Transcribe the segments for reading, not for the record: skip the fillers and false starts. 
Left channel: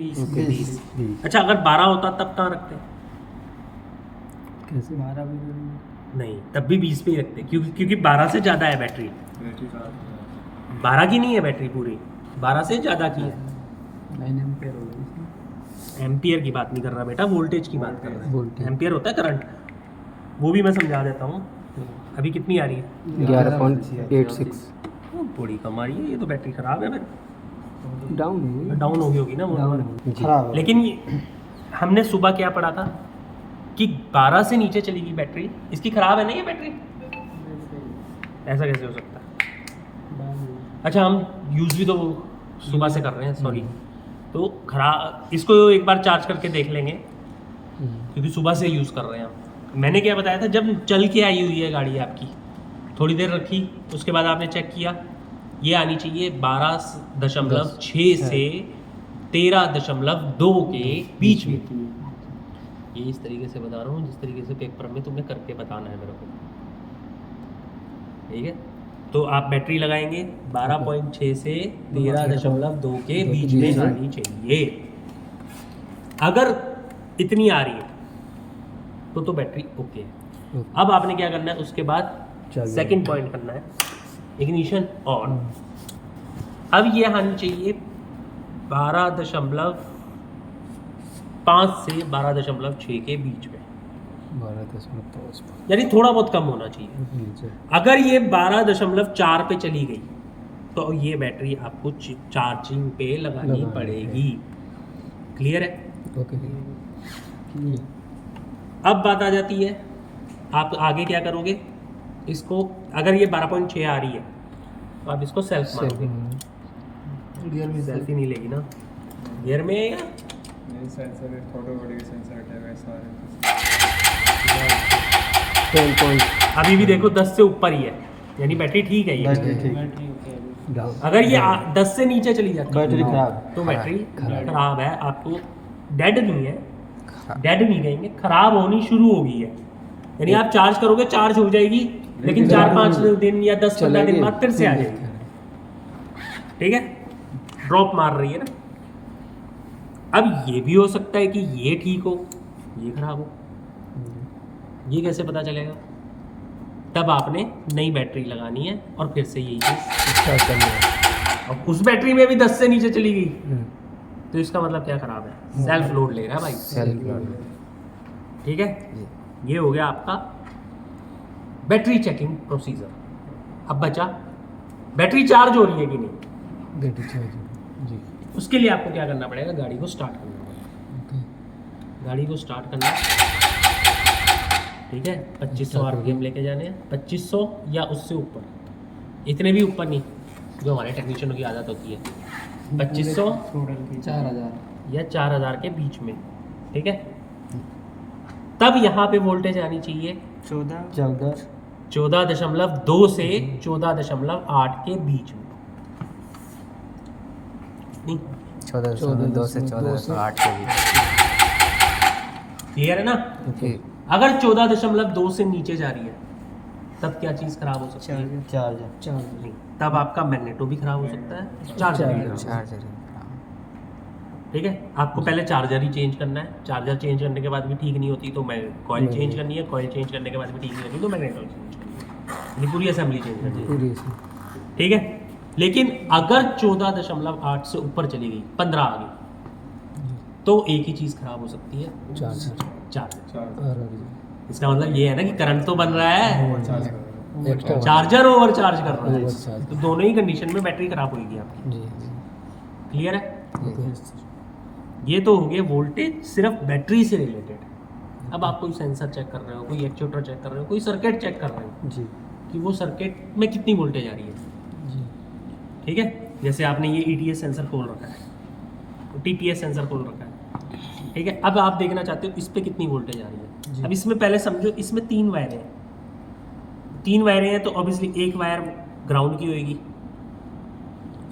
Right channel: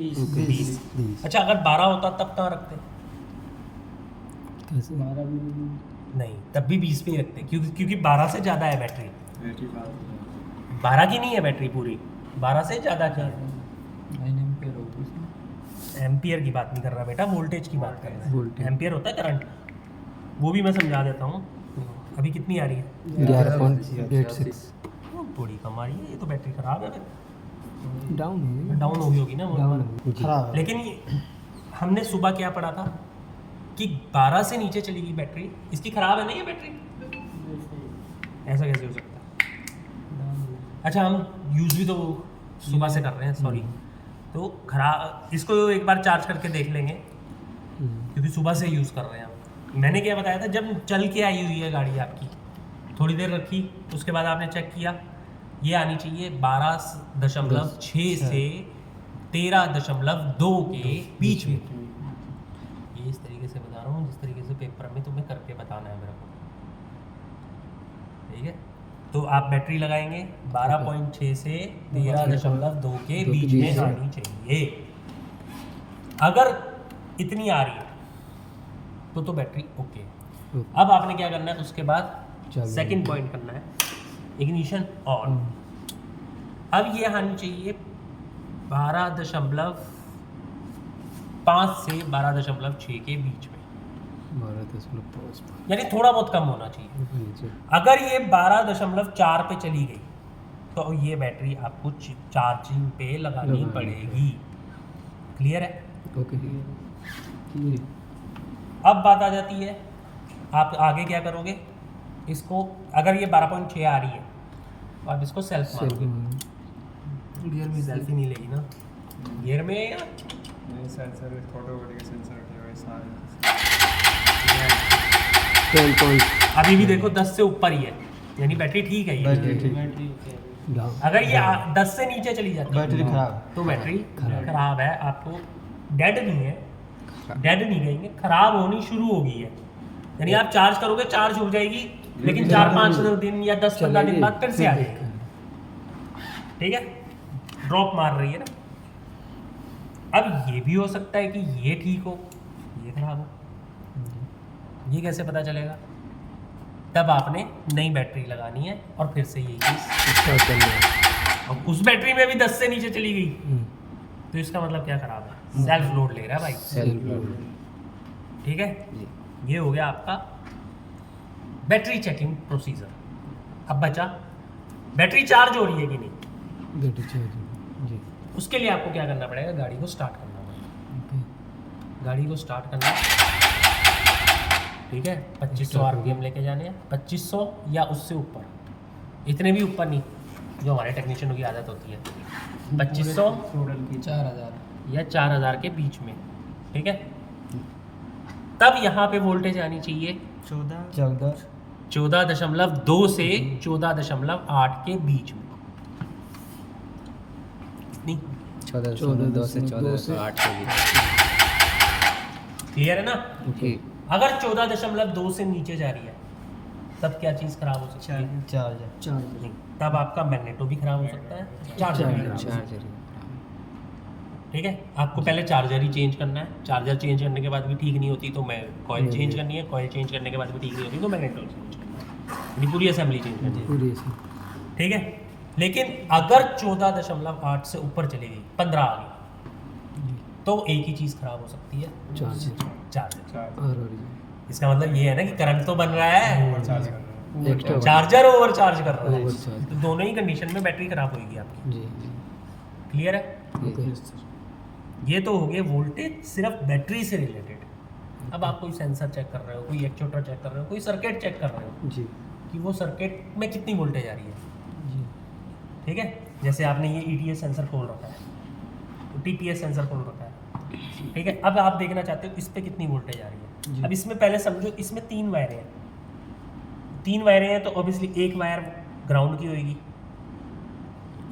20। अच्छा अगर 12 होता तब कहाँ रखते? कैसे 12 भी नहीं, तब भी 20 पे ही रखते, क्योंकि 12 से ज़्यादा है बैटरी। 12 की नहीं है बैटरी पूरी, 12 से ज़्यादा की है। 9 एम्पीयर होगा इसमें। एम्पियर की बात नहीं कर रहा बेटा, वोल्टेज की बात कर रहा है। वोल्टेज। एम्पियर होता है करंट, वो भी मैं समझा देता हूँ। अभी कितनी आ रही है? 11.86 थोड़ी कम आ रही है, ये तो बैटरी ख़राब है फिर। डाउन है। डाउन हो गई होगी ना वो। डाउन जी। खराब है। लेकिन ये हमने सुबह क्या पढ़ा था कि 12 से नीचे चलेगी बैटरी, इसकी ख़राब है ना ये बैटरी? ऐसा कैसे हो सकता है? अच्छा हम यूज़ भी तो वो सुबह से कर रहे हैं, सॉरी। तो खराब, इसको एक बार चार्ज करके देख लेंगे, क्योंकि सुबह से यूज़ कर रहे हैं आप। मैंने क्या बताया था, जब चल के आई हुई है गाड़ी आपकी, थोड़ी देर रखी, उसके बाद आपने चेक किया, ये आनी चाहिए 12.6 से 13.2 के बीच में। ये इस तरीके से बता रहा हूँ जिस तरीके से पेपर में तुमने करके बताना है मेरे को, ठीक है? तो आप बैटरी लगाएंगे 12.6 से 13.2 के बीच में आनी चाहिए। अगर इतनी आ रही है तो बैटरी ओके है। अब आपने क्या करना है, उसके बाद सेकंड पॉइंट करना है, इग्निशन ऑन। अब ये आनी चाहिए 12.5 से 12.6 के बीच में, 12.5 यानी थोड़ा बहुत कम होना चाहिए। अगर ये 12.4 पे चली गई तो ये बैटरी आपको चार्जिंग पे लगानी पड़ेगी। क्लियर है? ओके। अब बात आ जाती है, आप आगे क्या करोगे, इसको अगर ये 12.6 आ रही है तो आप इसको सेल्फ मारोगे। गियर में सेल्फी नहीं लेगी ना, गियर में सेंसर फोटोवोल्टिक सेंसर है सारे। अभी भी देखो 10 से ऊपर ही है, यानी बैटरी ठीक है ये। अगर ये 10 से नीचे चली जाती है बैटरी खराब। तो बैटरी खराब है। आपको डेड नहीं है, डेड नहीं कहेंगे, खराब होनी शुरू हो गई है। यानी आप चार्ज करोगे, चार्ज हो जाएगी, लेकिन 4-5 दिन या 10-15 दिन बाद फिर से आ जाएगी। ठीक है, ड्रॉप मार रही है ना। अब ये भी हो सकता है कि ये ठीक हो, ये खराब हो। ये कैसे पता चलेगा? तब आपने नई बैटरी लगानी है और फिर से यही चीज, और उस बैटरी में भी 10 से नीचे चली गई तो इसका मतलब क्या खराब है? सेल्फ लोड ले रहा है भाई। Self load. ठीक है, ये हो गया आपका बैटरी चेकिंग प्रोसीजर। अब बचा बैटरी चार्ज हो रही है कि नहीं। बैटरी चार्ज जी। उसके लिए आपको क्या करना पड़ेगा, गाड़ी को स्टार्ट करना पड़ेगा। गाड़ी को स्टार्ट करना, ठीक है। 2500 आरपीएम लेके जाने हैं, 2500 या उससे ऊपर, इतने भी ऊपर नहीं, जो हमारे टेक्नीशियनों की आदत होती है। 2500 4000 या 4000 के बीच में, ठीक है। तब यहाँ पे वोल्टेज आनी चाहिए 14.2 से 14.8 के बीच में। नहीं, 14.2 से 14.8 के बीच। क्लियर है ना? ठीक। अगर 14.2 से नीचे जा रही है तब क्या चीज़ खराब हो सकती है? चार्जर। नहीं, तब आपका मैग्नेटो भी खराब हो सकता है, चार्जर भी खराब हो सकता है। चार्जर ठीक है, आपको पहले चार्जर ही चेंज करना है। चार्जर चेंज करने के बाद भी ठीक नहीं होती तो मैं कॉइल चेंज करनी है। कॉइल चेंज करने के बाद भी ठीक नहीं होती तो मैग्नेटो चेंज करनी है, यानी पूरी असेंबली चेंज करनी है। पूरी ठीक है, लेकिन अगर 14.8 से ऊपर चली गई, 15 आ गई, तो एक ही चीज़ खराब हो सकती है, चार्जर। इसका मतलब ये है ना कि करंट तो बन रहा है, चार्जर ओवर चार्ज कर रहा है, तो दोनों ही कंडीशन में बैटरी खराब होगी आपकी। जी। क्लियर है? ओके। ये तो हो गए वोल्टेज सिर्फ बैटरी से रिलेटेड। अब आप कोई सेंसर चेक कर रहे हो, कोई एक्चुएटर चेक कर रहे हो, कोई सर्किट चेक कर रहे हो जी कि वो सर्किट में कितनी वोल्टेज आ रही है। जी। ठीक है, जैसे आपने ये ETS सेंसर खोल रखा है, तो TPS सेंसर खोल रखा है, ठीक है। अब आप देखना चाहते हो इस पे कितनी वोल्टेज आ रही है। अब इसमें पहले समझो, इसमें 3 वायरें हैं। 3 वायरें हैं तो ऑब्वियसली एक वायर ग्राउंड की होगी,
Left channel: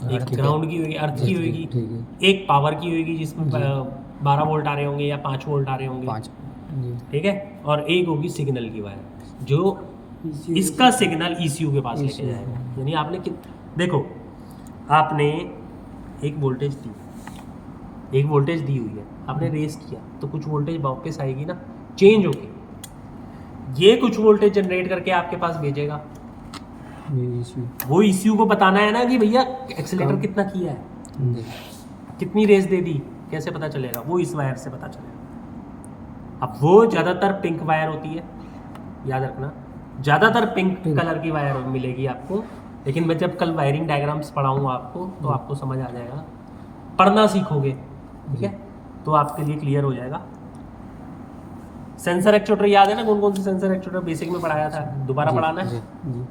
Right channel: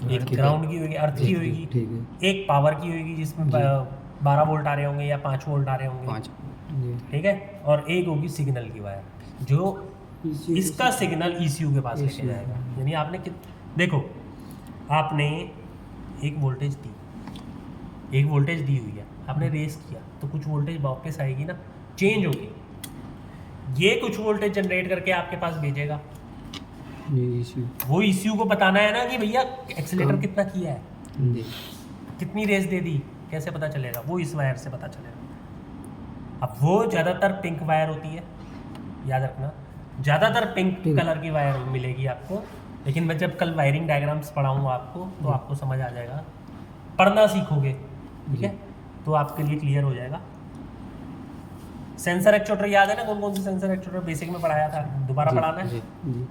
एक ग्राउंड की होगी, अर्थ की होगी, ठीक है। एक पावर की होगी जिसमें 12 वोल्ट आ रहे होंगे या 5 वोल्ट आ रहे होंगे, 5। जी। ठीक है। और एक होगी सिग्नल की वायर जो इसका सिग्नल ECU के पास लेके जाएगा। यानी आपने देखो, आपने एक वोल्टेज दी, एक वोल्टेज दी हुई है, आपने रेस किया तो कुछ वोल्टेज वापस आएगी ना, चेंज होगी, ये कुछ वोल्टेज जनरेट करके आपके पास भेजेगा। ये इसी वो ECU को बताना है ना कि भैया एक्सेलेरेटर कम। कितना किया है, जी कितनी रेस दे दी, कैसे पता चलेगा, वो इस वायर से पता चलेगा। अब वो ज़्यादातर पिंक वायर होती है, याद रखना, ज़्यादातर पिंक कलर की वायर मिलेगी आपको। लेकिन मैं जब कल वायरिंग डायग्राम्स पढ़ाऊँगा आपको तो आपको समझ आ जाएगा, पढ़ना सीखोगे, ठीक है, तो आपके लिए क्लियर हो जाएगा। सेंसर एक्चुएटर याद है ना, कौन कौन से सेंसर एक्चुएटर बेसिक में पढ़ाया था, दोबारा पढ़ाना है? जी जी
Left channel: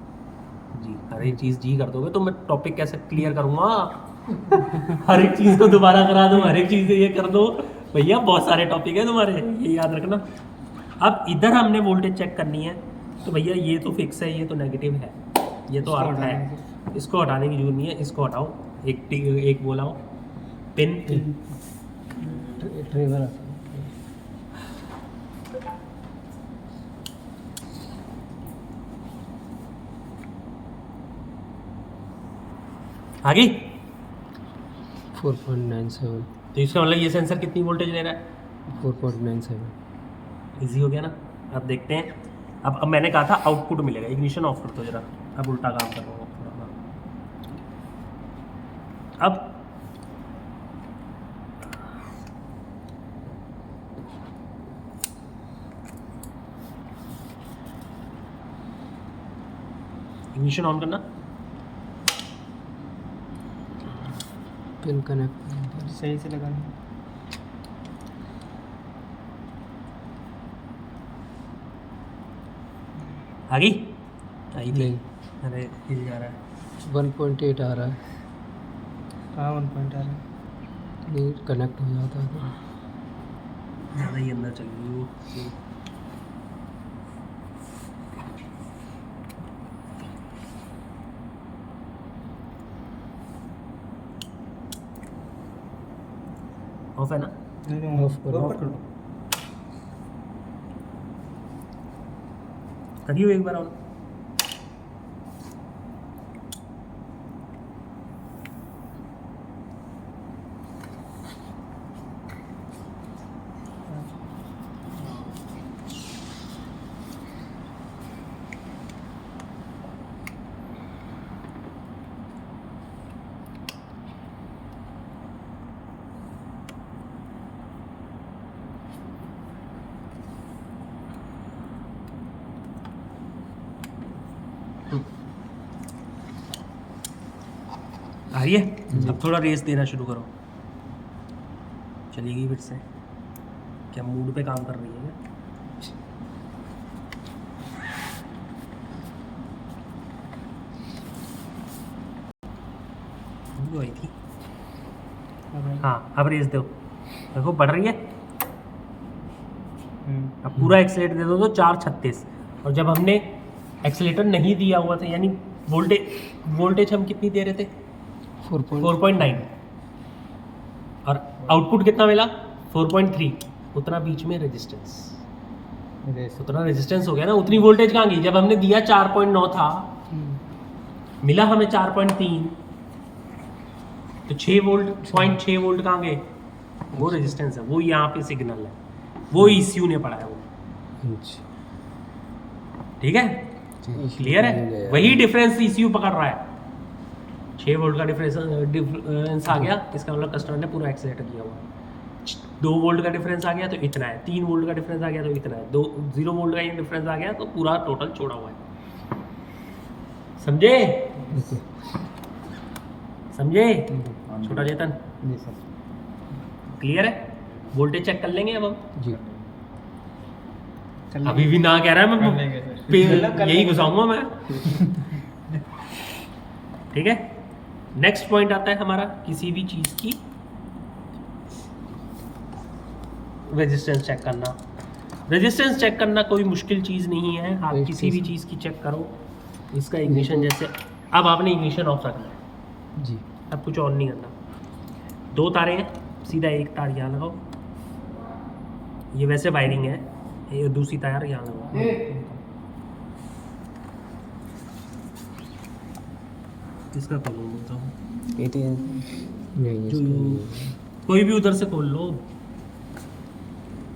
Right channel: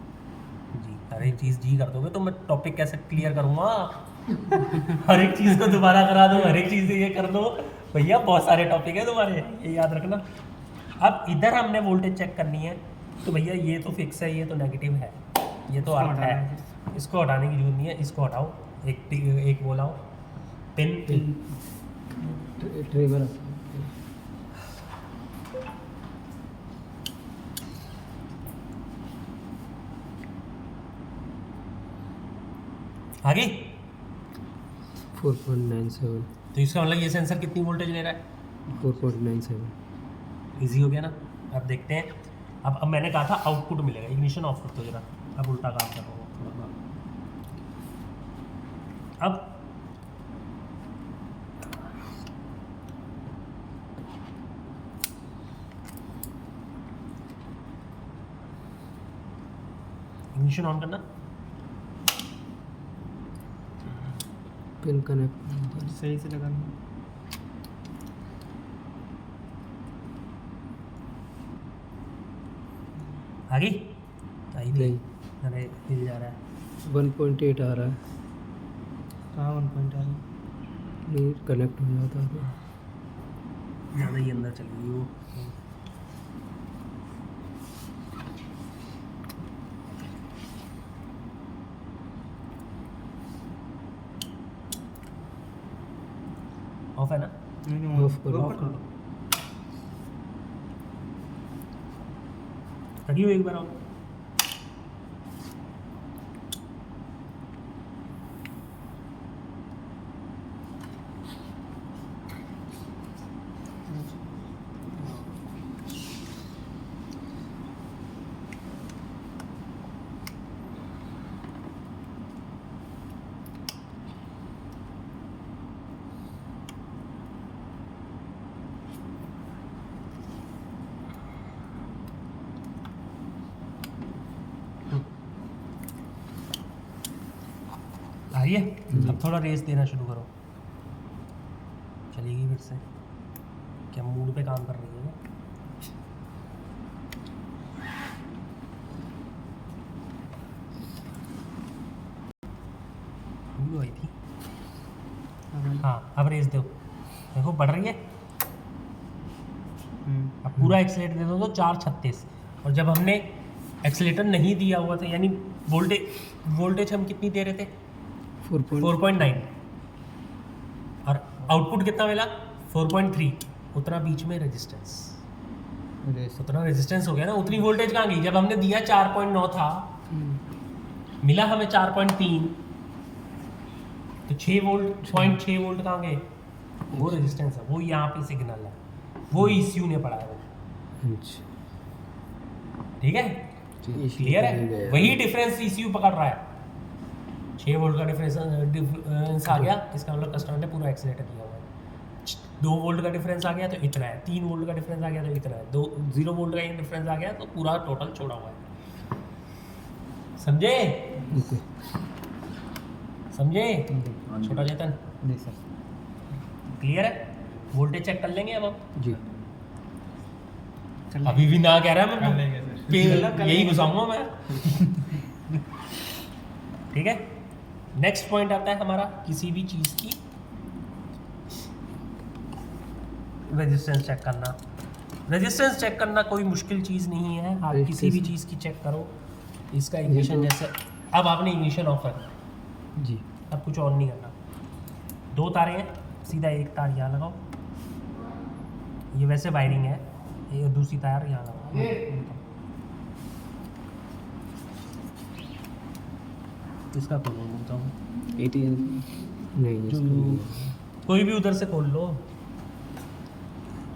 जी, हर एक चीज़ जी कर दोगे तो मैं टॉपिक कैसे क्लियर करूँगा? हर एक चीज़ को दोबारा करा दूँ, हर एक चीज़ ये कर दो, भैया बहुत सारे टॉपिक है तुम्हारे, ये याद रखना। अब इधर हमने वोल्टेज चेक करनी है कि भैया ये तो फिक्स है, ये तो नेगेटिव है, ये तो अर्थ है, इसको हटाने की जरूरत नहीं है, इसको हटाओ, एक बोलाओ पिन, ट्रेवर आता है। आगे 4.97 तो इसका मतलब ये सेंसर कितनी वोल्टेज ले रहा है, 4.97 इजी हो गया ना। अब देखते हैं, अब मैंने कहा था आउटपुट मिलेगा, इग्निशन ऑफ कर दो जरा, अब उल्टा काम कर रहा हूँ। अब इग्निशन ऑन करना, पिन कनेक्ट सही से लगाना। आ गई आई थी, नहीं अरे हिल जा रहा है, 1.8 आ रहा है, हाँ 1 पॉइंट आ रहा है। नहीं कनेक्ट हो जाता है तो ज़्यादा ही अंदर चल गई वो। ऑफ है ना, ऑफ करो। करियो एक बार और। आ रही है, अब थोड़ा रेस देना शुरू करो, चलेगी फिर से, क्या मूड पे काम कर रही है? वो आई थी, हाँ अब रेस दो, देखो बढ़ रही है। अब पूरा एक्सीलेटर दे दो तो 436, और जब हमने एक्सीलेटर नहीं दिया हुआ था, यानी वोल्टेज हम कितनी दे रहे थे, 4.9, और आउटपुट कितना मिला 4.3, उतना बीच में रेजिस्टेंस, उतना रेजिस्टेंस हो गया ना, उतनी वोल्टेज कहाँ गई, जब हमने दिया 4.9 था, मिला हमें 4.3, तो 6 वोल्ट, 0.6 वोल्ट कहाँ गए, वो रेजिस्टेंस है, वो यहाँ पे सिग्नल है, वो ECU ने पढ़ा है वो, ठीक है, क्लियर है, वही डिफरेंस ECU पकड़ रहा है। 6 वोल्ट का डिफरेंस आ गया, इसका मतलब कस्टमर ने पूरा एक्सीलेटर दिया हुआ है। 2 वोल्ट का डिफरेंस आ गया तो इतना है, 3 वोल्ट का डिफरेंस आ गया तो इतना है, 0 वोल्ट का डिफरेंस आ गया तो पूरा टोटल छोड़ा हुआ है, समझे? समझे छोटा चेतन? जी सर। क्लियर है, वोल्टेज चेक कर लेंगे अब हम। जी अभी भी ना कह रहा है, कर मैं लेंगे सर। यही घुसाऊंगा मैं। ठीक है, नेक्स्ट पॉइंट आता है हमारा किसी भी चीज की रेजिस्टेंस चेक करना। रेजिस्टेंस चेक करना कोई मुश्किल चीज़ नहीं है, आप किसी भी चीज़ की चेक करो। इसका इग्निशन जैसे, अब आपने इग्निशन ऑफ रखना है जी, अब कुछ ऑन नहीं करना। 2 तारे हैं, सीधा एक तार यहाँ लगाओ, ये वैसे वायरिंग है, ये दूसरी तार यहाँ लगाओ। इसका कलर बोलता हूँ नहीं इसका नहीं है। कोई भी उधर से खोल लो,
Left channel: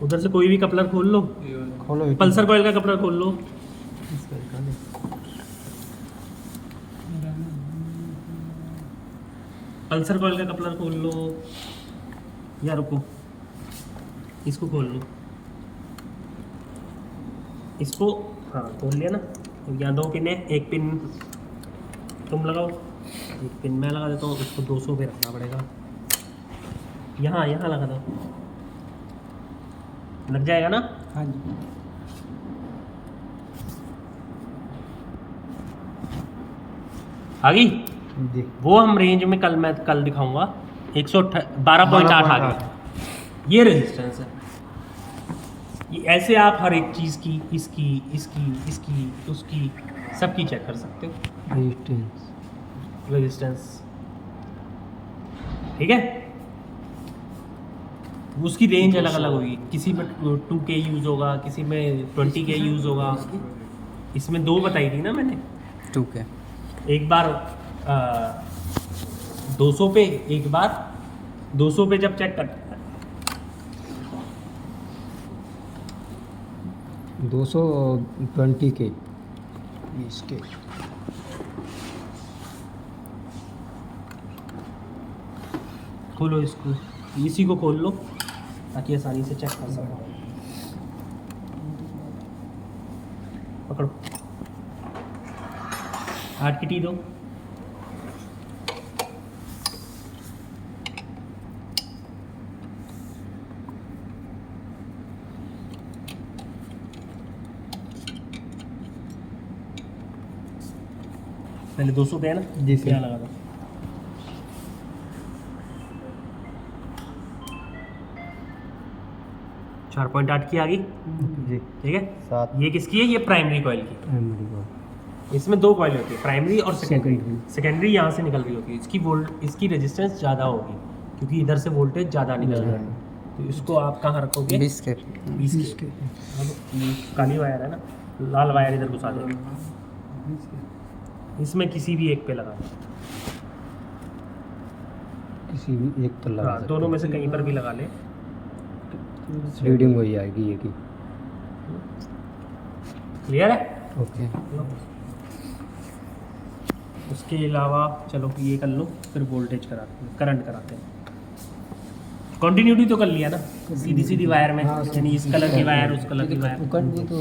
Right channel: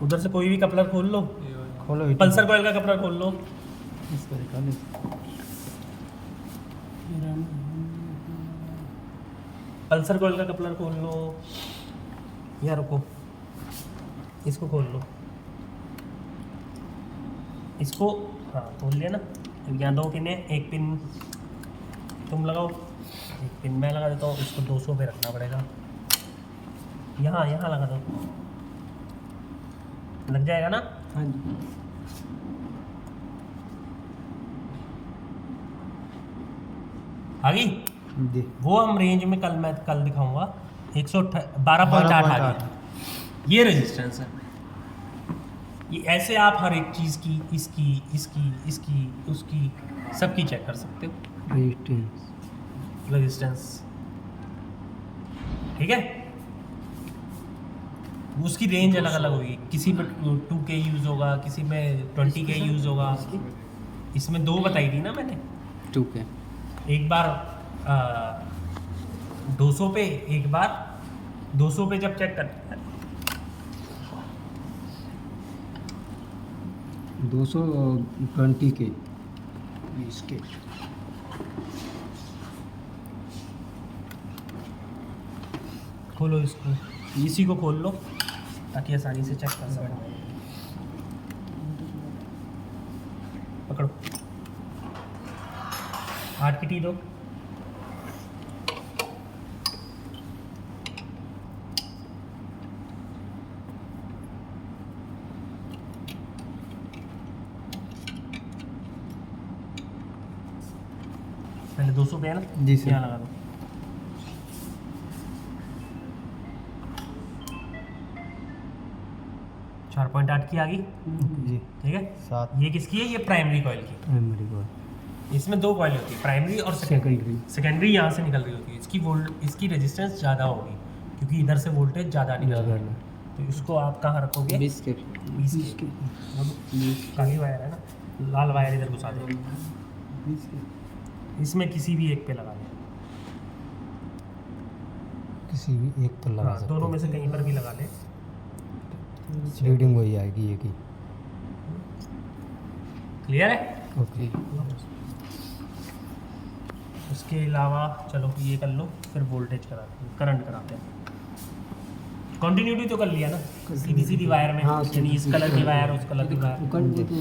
उधर से कोई भी कपलर खोल लो, खोलो ये पल्सर कॉइल का कपलर खोल लो। पल्सर कॉइल का कपलर खोल लो, या रुको, इसको खोल लो, इसको, हाँ खोल लिया ना। यहाँ 2 पिन है, एक पिन तुम लगाओ, एक पिन मैं लगा देता हूँ। इसको 200 पे रखना पड़ेगा, यहाँ यहाँ लगा दो, लग जाएगा ना। हाँ जी आ गई जी। वो। हम रेंज में मैं कल दिखाऊंगा। 112.8 आ गया, ये रेजिस्टेंस है। ये ऐसे आप हर एक चीज़ की, इसकी इसकी इसकी उसकी सबकी चेक कर सकते हो रेजिस्टेंस। रेजिस्टेंस, ठीक है। उसकी रेंज अलग अलग होगी, किसी में 2K यूज़ होगा, किसी में 20K यूज़ होगा। इसमें 2 बताई थी ना मैंने, 2K। एक बार 200 पे, एक बार 200 पे जब चेक करते हैं 220 के 20 के। खोलो इसको, इसी को खोल लो ताकि आसानी से चेक कर सको। पकड़ो, 8 की टी दो। पहले 200 पे है ना, जी सर। यहाँ लगा दो। चार 4.8 की आ गई, जी ठीक है। 7 ये किसकी है? ये प्राइमरी कॉइल की। इसमें 2 कॉइल होती है, प्राइमरी और सेकेंडरी। सेकेंडरी यहाँ से निकल रही होती है, इसकी रेजिस्टेंस ज़्यादा होगी क्योंकि इधर से वोल्टेज ज़्यादा निकल रहा है। तो इसको आप कहाँ रखोगे? 20 के। 20 के। काली वायर है ना, लाल वायर इधर घुसा देंगे, इसमें किसी भी एक पे लगा दो। किसी भी एक पर लगा हाँ, दोनों में से कहीं पर भी लगा ले। रीडिंग वही आएगी ये की। क्लियर है? ओके। उसके अलावा चलो ये कर लो, फिर वोल्टेज करंट कराते हैं। कंटिन्यूटी तो कर लिया ना, सीधी सीधी वायर में, हाँ, यानी इस कलर की वायर उस कलर की वायर। वो तो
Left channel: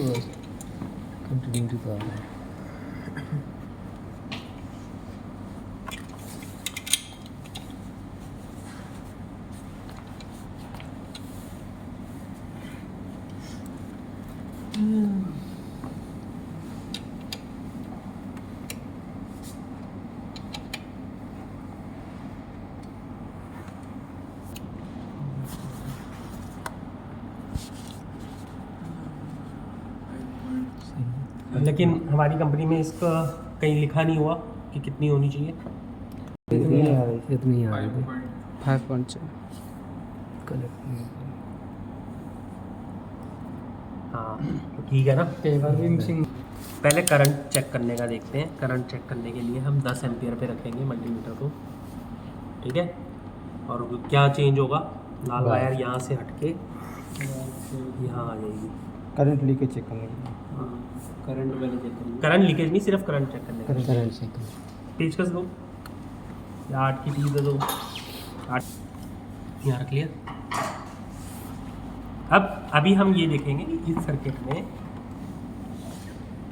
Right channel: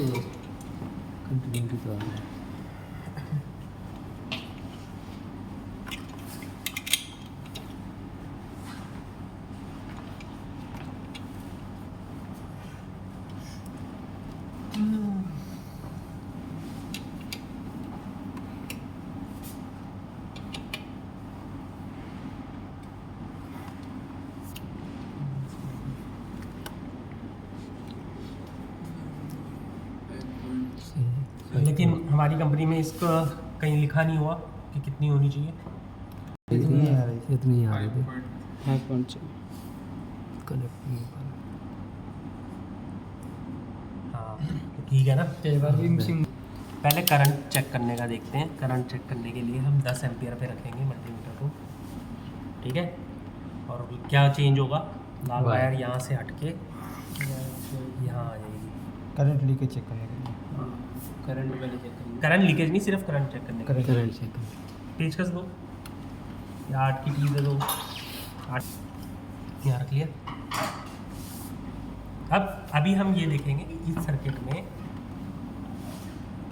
कंटिन्यूटी तो आ रहा है। लेकिन हमारी कंपनी में इसका कहीं लिखा नहीं हुआ कि कितनी होनी चाहिए। इतनी आ रही थी। 5.4। हाँ तो ठीक है ना। पहले करंट चेक करने का देखते हैं। करंट चेक करने के लिए हम 10 एम्पियर पे रखेंगे मल्टीमीटर को, ठीक है। और क्या चेंज होगा, लाल वायर यहाँ से हटके यहाँ आ जाएगी। करंट लीकेज चेक करने के लिए। करंट लीकेज नहीं, सिर्फ करंट चेक करने का। करंट चेक कर। पेचकस दो या 8 की टी दे दो। 8 यहाँ रख लिया। अब अभी हम ये देखेंगे कि इस सर्किट में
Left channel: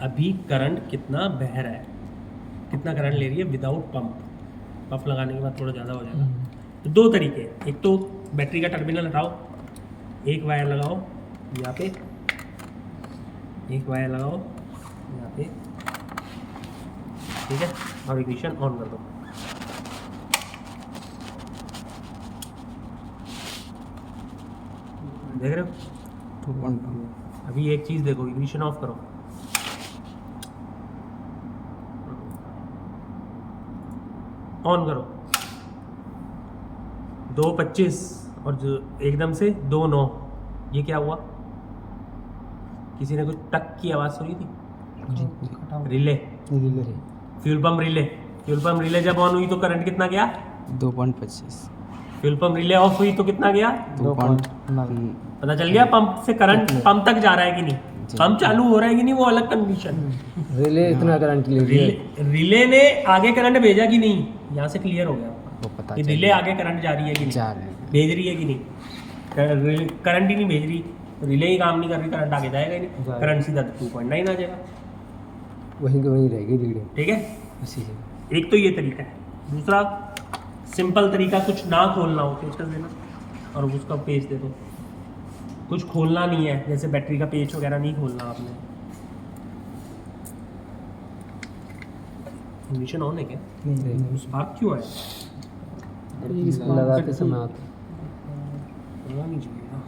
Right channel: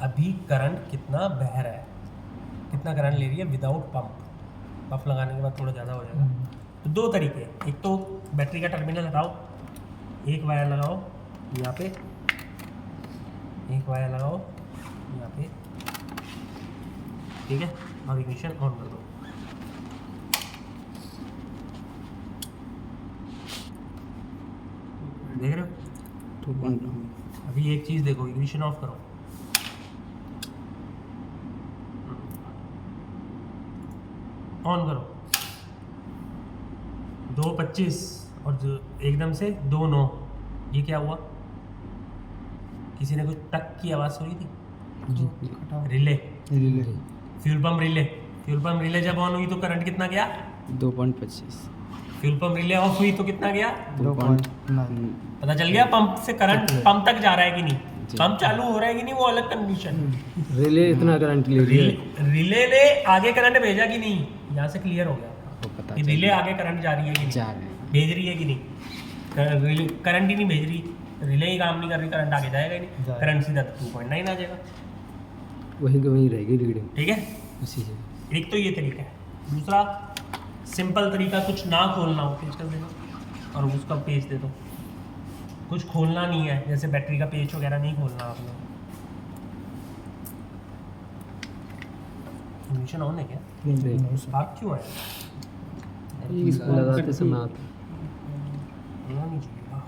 अभी करंट कितना बह रहा है, कितना करंट ले रही है विदाउट पंप। पंप लगाने के बाद थोड़ा ज़्यादा हो जाएगा। तो 2 तरीके हैं, एक तो बैटरी का टर्मिनल हटाओ, एक वायर लगाओ यहाँ पे, एक वायर लगाओ यहाँ पे, ठीक है, और इग्निशन ऑन कर दो। देख रहे हो? 2.2। अभी एक चीज़ देखो, इग्निशन ऑफ करो, ऑन करो। 2.25 और जो एकदम से 2.9, ये क्या हुआ? किसी ने कुछ टक की आवाज़ सुनी थी? Relay, relay. Fuel pump relay. Fuel pump relay जब ऑन हुई तो करंट कितना गया? 2.25। फ्यूल पंप रिले ऑफ हुई तो कितना गया? 2.9 पता चल गया पंप से करंट पंप तक जा रहा है कि नहीं, जी। पंप चालू हो रहा है कि नहीं, वो अलग कंडीशन। रिले इतना करंट ले लिया रिले ने आगे करंट भेजा कि नहीं, यहाँ से क्लियर हो गया वो पता कि चल रिले गया। आगे करंट जा रही है कि नहीं, जा रहे हैं। भेज रही है कि नहीं। करंट ही नहीं भेज रही, रिले ही काम नहीं कर रही, करंट आगे जाएगा ही नहीं, जाएगा। करंट सीधा 2.9 आ जाएगा। वहीं के वहीं रहेगी रीडिंग ठीक है, इसी से। एक तो ये तरीका है। दूसरा सिंपल तरीका, कुछ ना खोलना हो पेज कर देना और उसका पेज दे दो। कुछ खोलना नहीं है, जैसे बैटरी का पेज वगैरह नहीं खोलना आपने। इग्निशन ऑन है क्या? नहीं स्पार्क क्यों है? इसको लगाते समय आता होना नहीं चाहिए ना।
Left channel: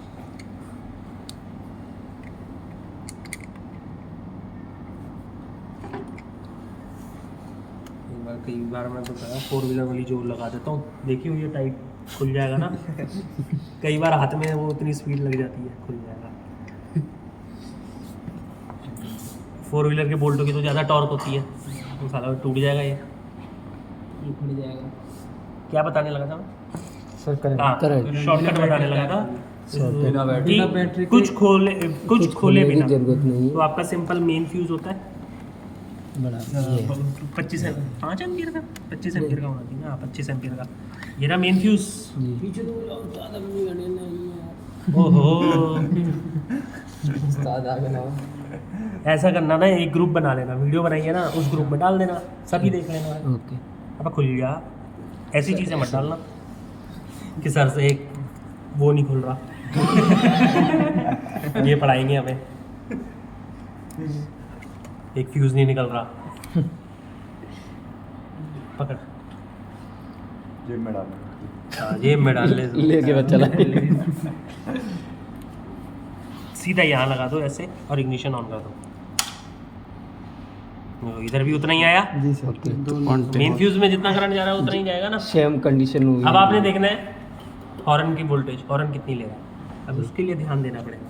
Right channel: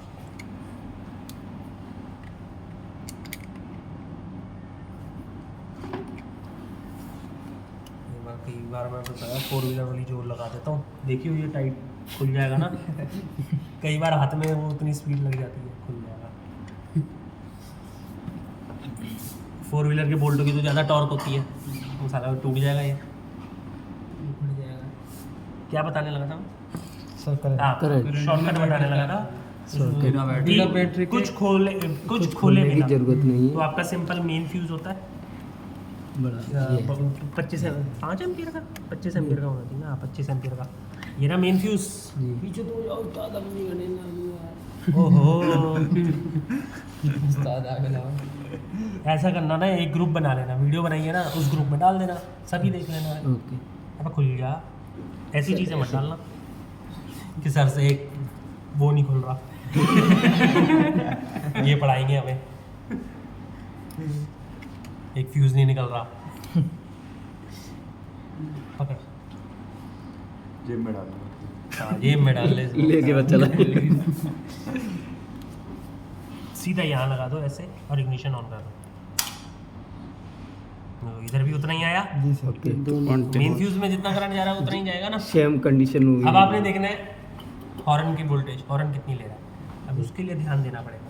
कई बार मैं बताया 4 व्हीलर वाली जो लगा देता हूँ, देखियो ये टाइट खुल जाएगा ना। कई बार हाथ में वो उतनी स्पीड लग जाती है, खुल जाएगा। 4 व्हीलर के बोल्टों की तो ज़्यादा टॉर्क होती है, तो साला टूट जाएगा ये फट जाएगा। क्या बताने लगा था मैं? सर करंट हाँ, करंट शॉर्टकट बताने लगा था शॉर्टकट कि कुछ खोले खोलने खोले की बिना। जरूरत नहीं तो है आपका सिंपल मेन फ्यूज होता है बड़ा ये है। 25 5 एम्पियर का, 25 एम्पियर का होना चाहिए। हाँ 25 एम्पियर का ये रहा मेन फ्यूज। जी पीछे तो और ज़्यादा नहीं गने ना यार। ओहो ऐसा करना ना, एक ग्रुप बना लेना, वीडियो बनाइए ना, उस ग्रुप में डाल देना, सभी देख लेना। ओके अब खुल गया, ऐसी चीज़ें मत डालना कि सर से एक वो नहीं खुल रहा। ये पढ़ाएंगे हमें, एक फ्यूज नहीं निकल रहा। पकड़ जेब में डाल हाँ, जेब में डाल ले। लेके बस चला सीधा यहाँ लगा दो ऐसे और इग्निशन ऑन कर दो। इधर भी उतना ही आया, जी सर ओके मेन फ्यूज में जितना करंट जा रहा है उतना ही जाएगा ना। सेम कंडीशन हुई अब आपने देखना है हॉर्न की वोल्टेज, हॉर्न कितनी ले रहा है, अब उसके लिए ध्यान देना पड़ेगा।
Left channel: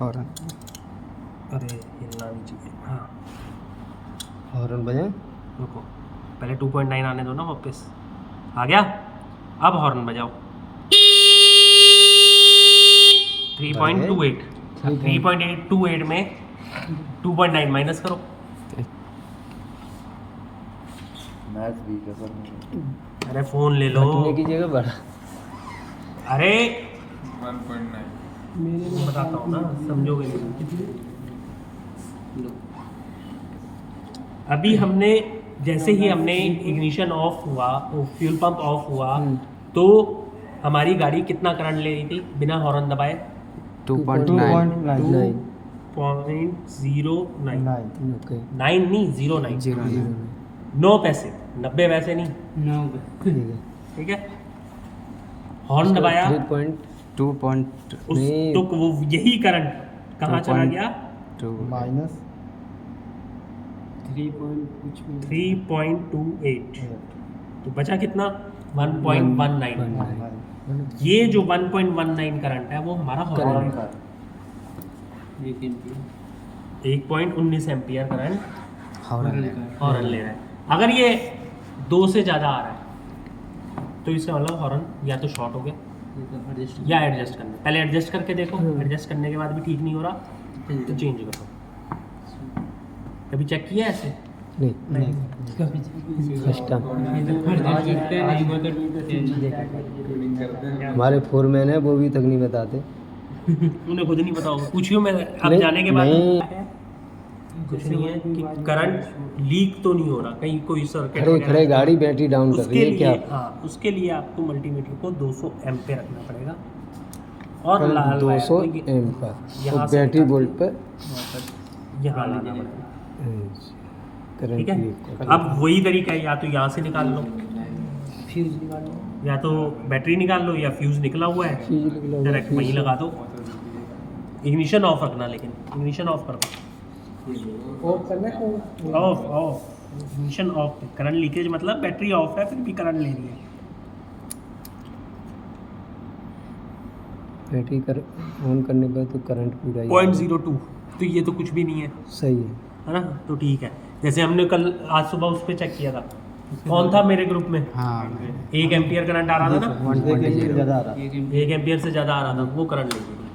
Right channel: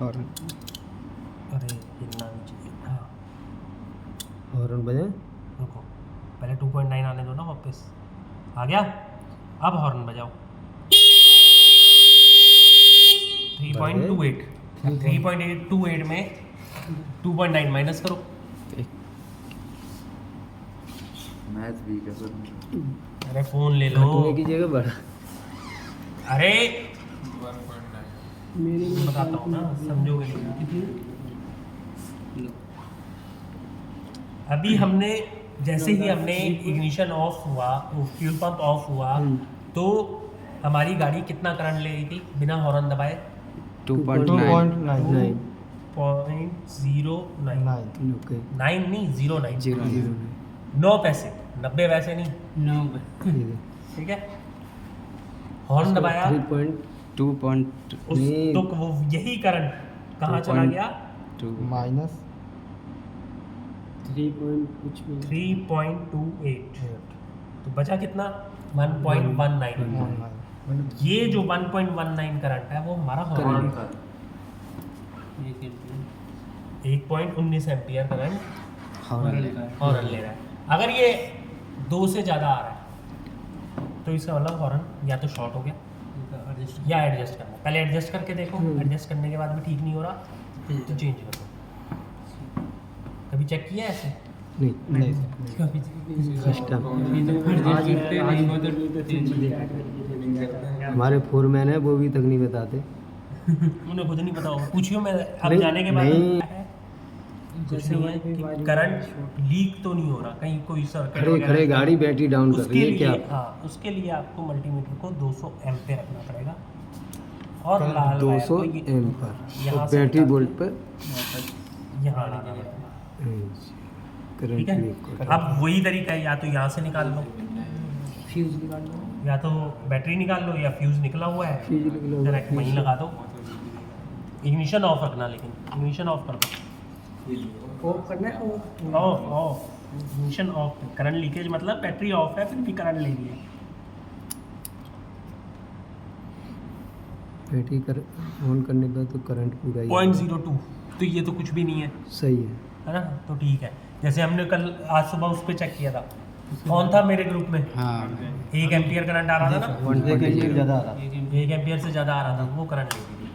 हॉर्न अरे हिलना नहीं चाहिए। हाँ हॉर्न बजाएं रुको, पहले 2.9 आने दो ना वापस। आ गया, अब हॉर्न बजाओ। 3.28 3.828 में 2.9 माइनस करो। मैथ वीक है सर अरे फोन ले लो। घटने की जगह बढ़ा अरे 1.9 मैं बताता हूँ ना, समझोगे नहीं। अभी हमने जैसे ही हमने इग्निशन ऑफ हुआ, फ्यूल पंप ऑफ हुआ, तो हमारी गाड़ी कितना करंट ले रही थी बिना हॉर्न दबाए? 2.9 9 0.09 ओके 9 नहीं 09 0 9 पैसे 90 पैसे नहीं, ठीक है। हॉर्न दबाया 2.2 तो वो यही करंट कहाँ चला गया? माइनस 3.28 तो बचा कितना? 1.19। ये जो 1.19 करंट है वो हमारा हॉर्न का 1.19 एम्पियर करंट हॉर्न ले हॉर्न ले रहा है। अगर ये 2 से ज़्यादा आ रहा है तो इसका मतलब हॉर्न या तो शॉर्ट हो गया या एडजस्ट करना। पहले एडजस्ट करके देखो, एडजस्ट करने के बाद भी ठीक नहीं हो रहा तो चेंज करो। कभी चेक किया ऐसे? नहीं फर्स्ट टाइम हमारे फोरमैन है वो भी तक नहीं बताते उन्हें खुद नहीं पता होगा, पूछियो। मैं अब नहीं, जाने के बाद नहीं। कुछ नहीं है कि करंट लीक तो नहीं हो रहा, कहीं कोई सर्किट खड़े खड़े गाड़ी बैटरी डाउन कर रही है क्या हाँ उसके लिए आपको मल्टीमीटर को 200 एम्पेयर रखना पड़ेगा और 200 एम्पर यहाँ और से बैटरी निकाल- वोल्ट पर यहाँ लाना पड़ेगा, ठीक करंट है। अब वही तरीका है, या तो यहाँ से निकाल लो, या तो बैटरी निकाल लो, या फ्यूज निकला हुआ है डायरेक्ट वहीं लगा दो। इग्निशन ऑफ रखना, लेकिन इग्निशन ऑफ कर दो। ऑफ करना है, of of ignition of. Current leakage मतलब बैटरी ऑफ है फिर भी करंट ले रही है। बैटरी कर ऑन करने पर तो करंट पूरा ही 0.02 तो ये तो कुछ भी नहीं है, सही है है ना? तो ठीक है, जैसे हमने कल आज सुबह उस पर चेक किया था, कौन था मेरे ग्रुप में, हाँ 1 एम्पियर करंट आ रहा था ना, 1.0 1 एम्पियर से ज़्यादा आ रहा था, वो करंट लेगी थी।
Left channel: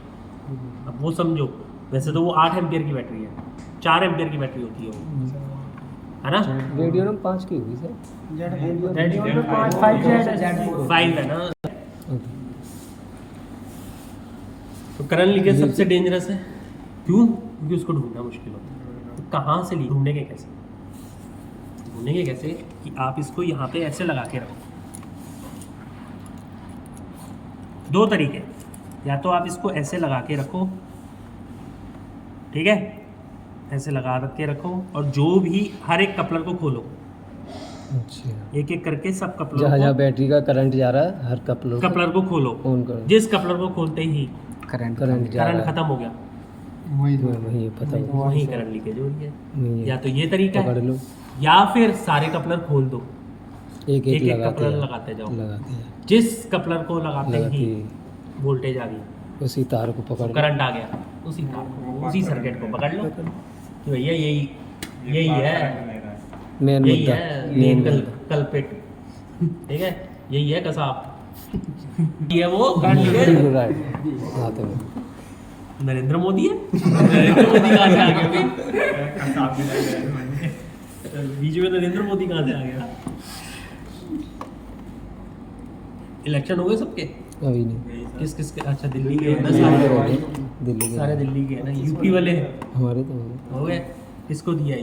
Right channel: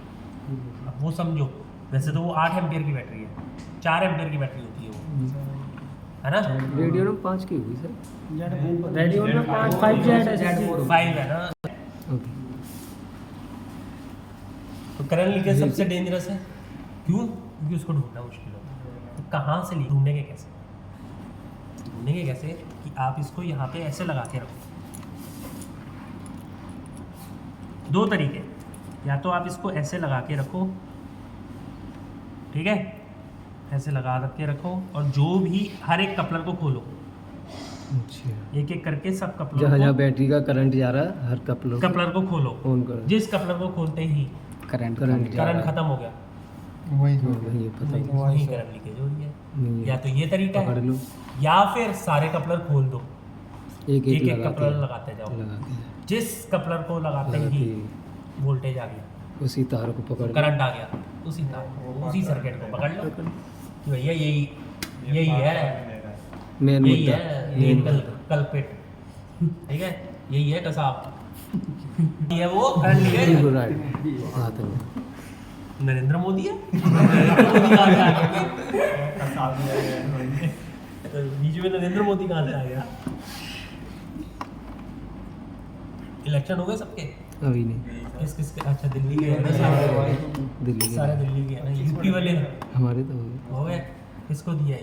अब वो समझो, वैसे तो वो 8 एम्पियर की बैटरी है, 4 एम्पियर की बैटरी होती है वो, है ना। रेडियम 5 की होगी सर। रेडियन में 5 जेड 5 है ना। ओके। तो करंट लीकेज सबसे डेंजरस है, क्यों? क्योंकि उसको ढूंढना मुश्किल होता है। तो कहाँ से लीक ढूंढेंगे कैसे? ढूंढेंगे कैसे कि आप इसको यहाँ पे ऐसे लगा के रखो। 2 तरीके, या तो आप इसको ऐसे लगा के रखो, ठीक है, ऐसे लगा के रखो, और जो भी हर एक कपलर को खोलो, अच्छा, एक एक करके सब जहाँ कपलर जहाँ बैटरी का करंट जा रहा है हर कपलर को खोलो। ऑन करो। जिस कपलर को खोलते ही करंट करंट जा करंट रहा है, खत्म हो गया, वही पता हो। वही करंट लीकेज हो रही है। वही या है। तो ये तरीका पकड़ है, लो, या फिर सारे कपलर खोल दो, एक एक एक लगाते कपलर हैं, लगाते जाओ। लगाते हैं, जिस कपलर को लगाते लगाते ही ही वोल्टेज आ गया, उसी तार को पकड़ लो। करंट आ गया, उसी तार को, उसी सर्किट को पकड़ लो। तो भैया यही है, मेन यही मुद्दा, है मेन मेन मुद्दा। कल्पिट, ठीक है, यही है कसाब। ये वो करंट लीकेज। बिल्कुल राइट, हाथ में। नरेंद्र मोदी है। नरेंद्र मोदी कहाँ से आ गया भाई? बीच में नरेंद्र मोदी कहाँ से आ गया? इलेक्शन हो गए सबके? अभी नहीं, किस किस के? अच्छा दिल्ली के ना सारे, दिल्ली सारे के दिल्ली के ना, यूपी वाले हमारे तो हो गए। हो गए, किसको दिया?